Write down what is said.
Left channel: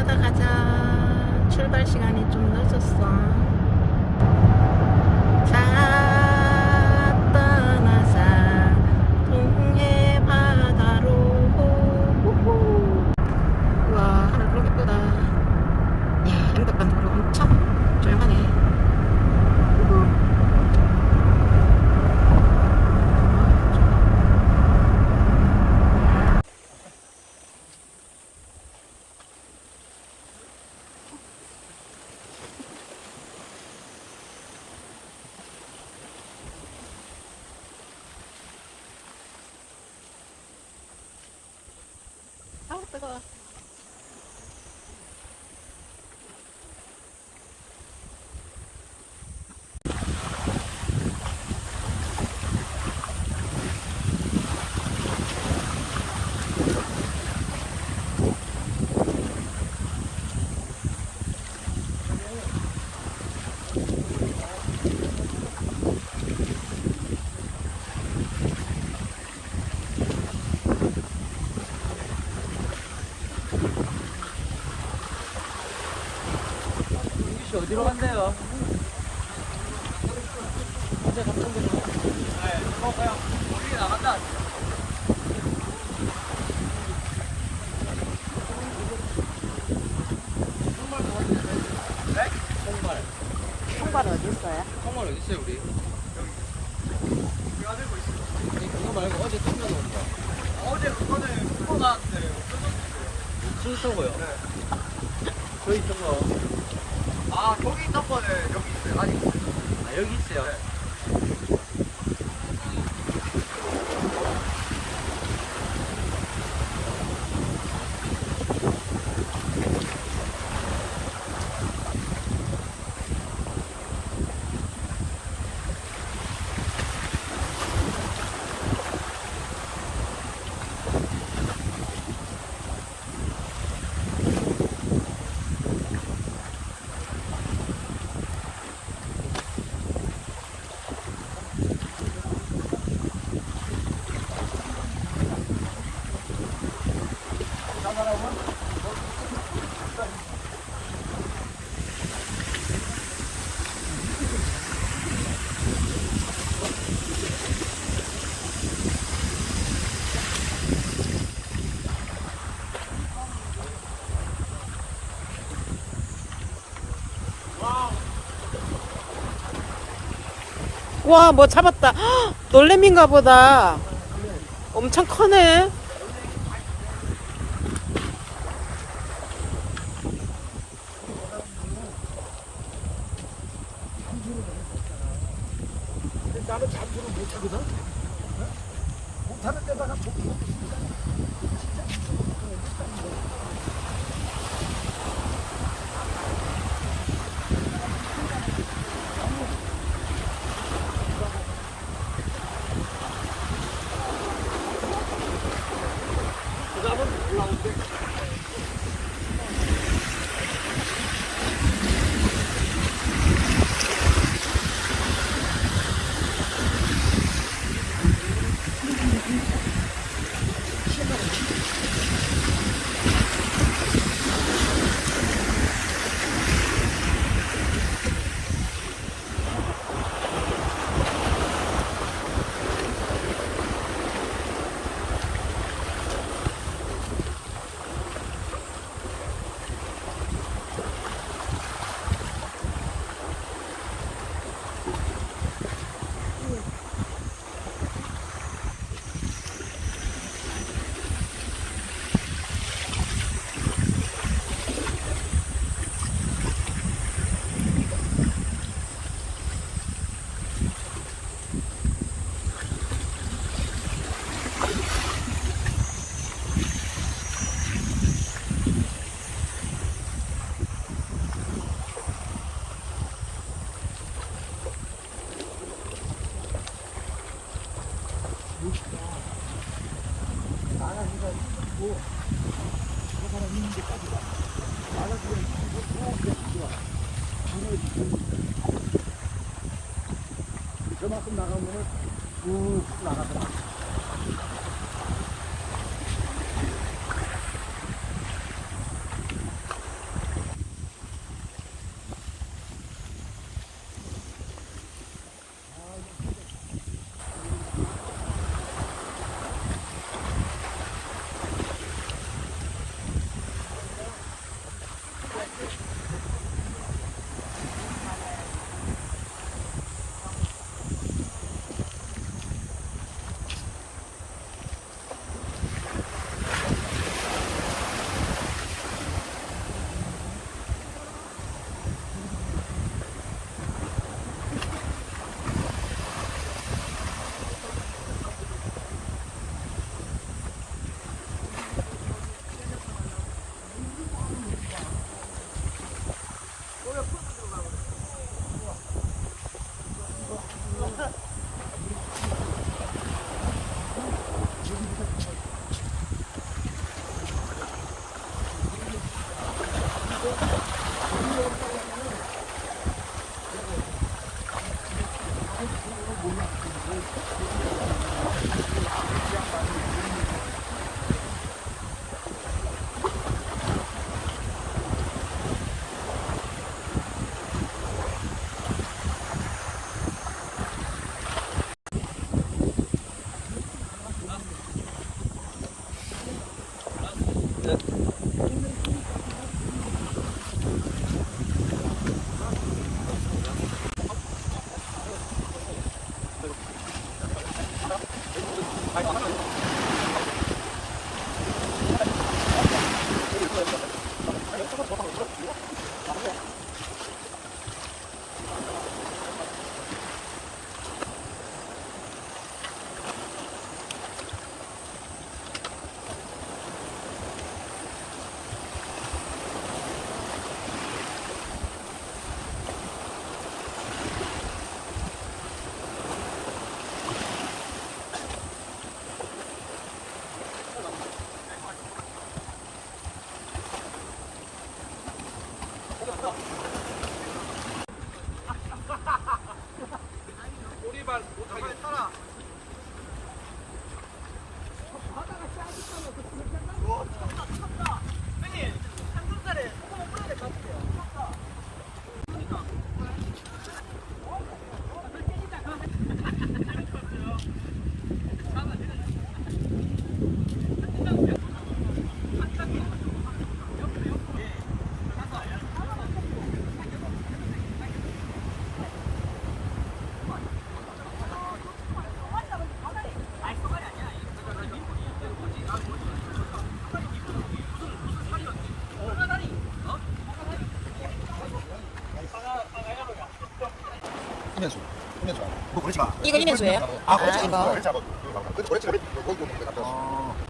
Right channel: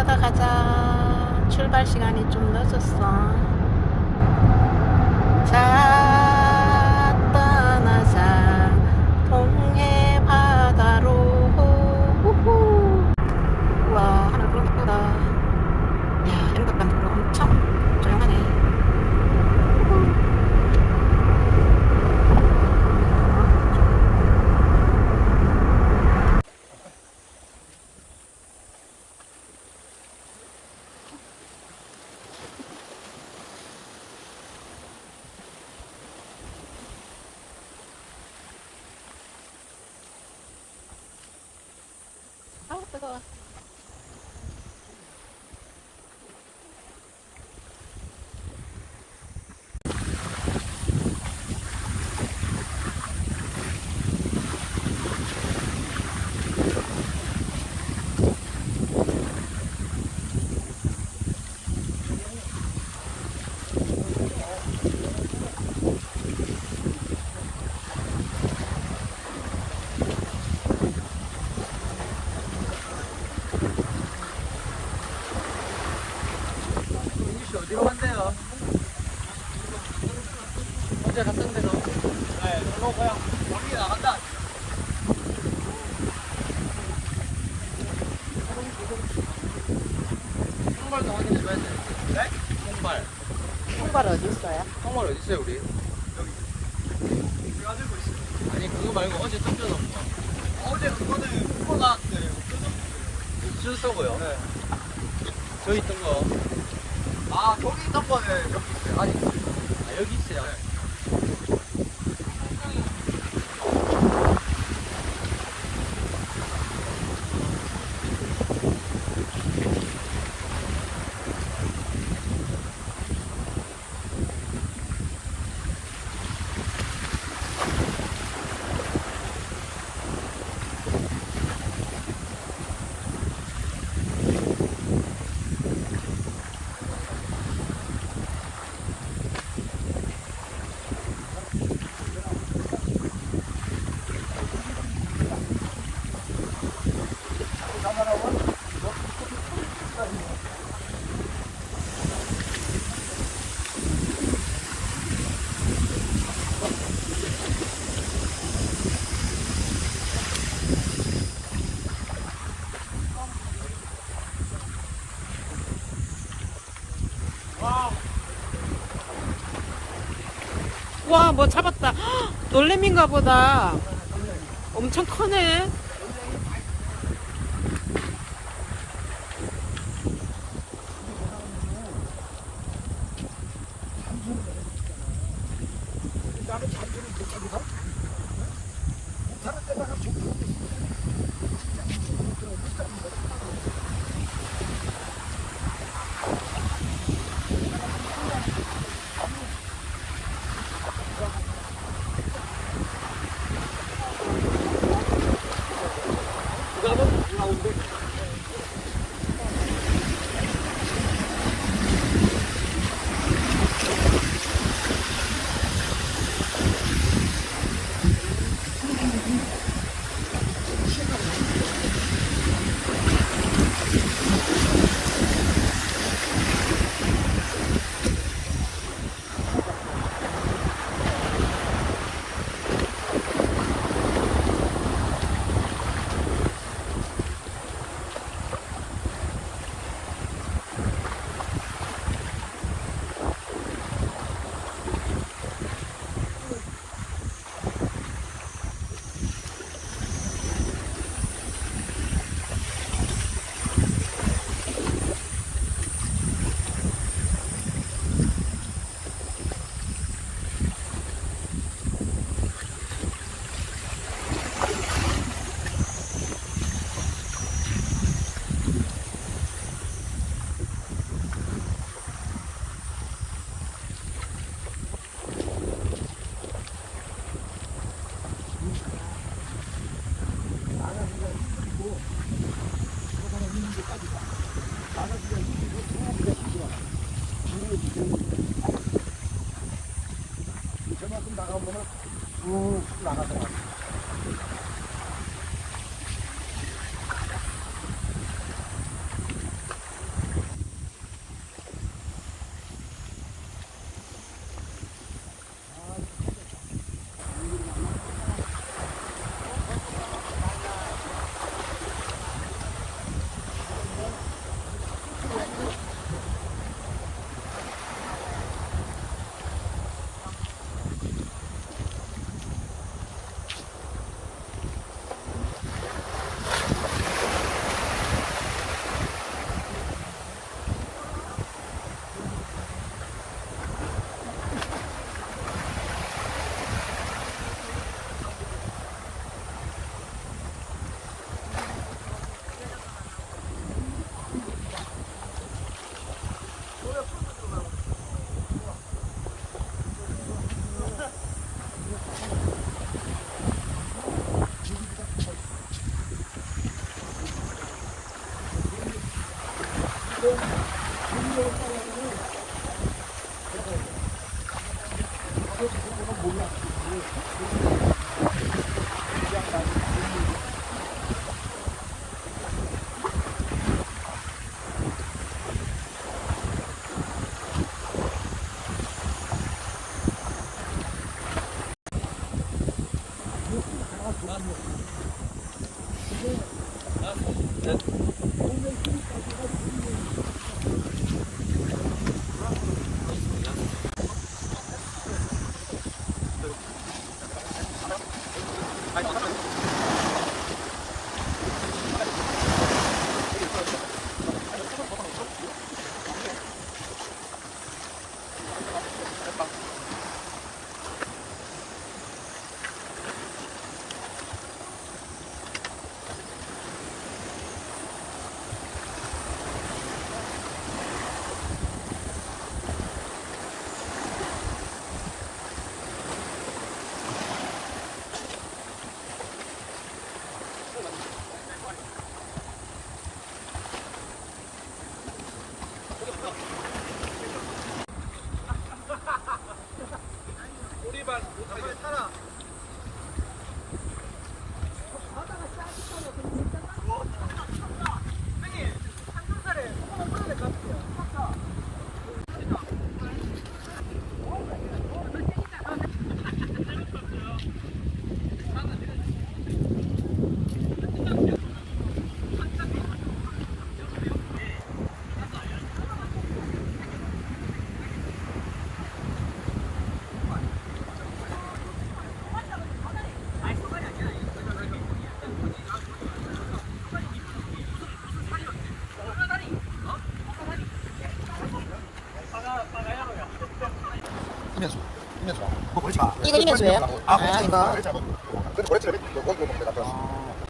바다 가자. 출발 시간이 좀 늦었어. 자, 떠나자. 동해 바다로. 후후. 우와, 하늘 구름 예쁘다. 야, 행덕한 도로 엄청 조용하네. 후후. 아우 뜨거워. 민규씨 어디로 간대요? 어제 갔던 데로. 네, 이거 그냥 멀리 나가자. 통발 좀 확인해봐야 돼. 네? 통발. 통발 어디 있어요? 통발 어디 있어요, 우리? 여기 들고 있어. 아니, 그거 말고 어제 던져놓은 거. 어제 그거는 그거 나왔는데 못 쓰고요. 네. 저 있던 거. 아, 거기 있던 거는 여기 있어요. 아직 있어요. 아, 여기 있어요? 네. 와, 뭐 잡았다. 헉, 놀래미인가 보다. 엄청 커네. 나는 잠수를 못하거든? 못하는 데다가 저기 진짜 잠수를 못 들어요. 못 잡는 거지. 그 다음에 올라오는데 나가기가 힘들고 그 사람 있는 데까지 나가기가 힘들고 소화기가 좋아. 저만큼 나가면은 쭉 나가잖아. 이면수. 이면수야. 뭐 그렇지 마. 이거 이면수예요? 아, 아, 이거. 그렇지 마. 그렇지 마. 그렇지 마. 거기 뭐 먹는 데 갔다 왔어.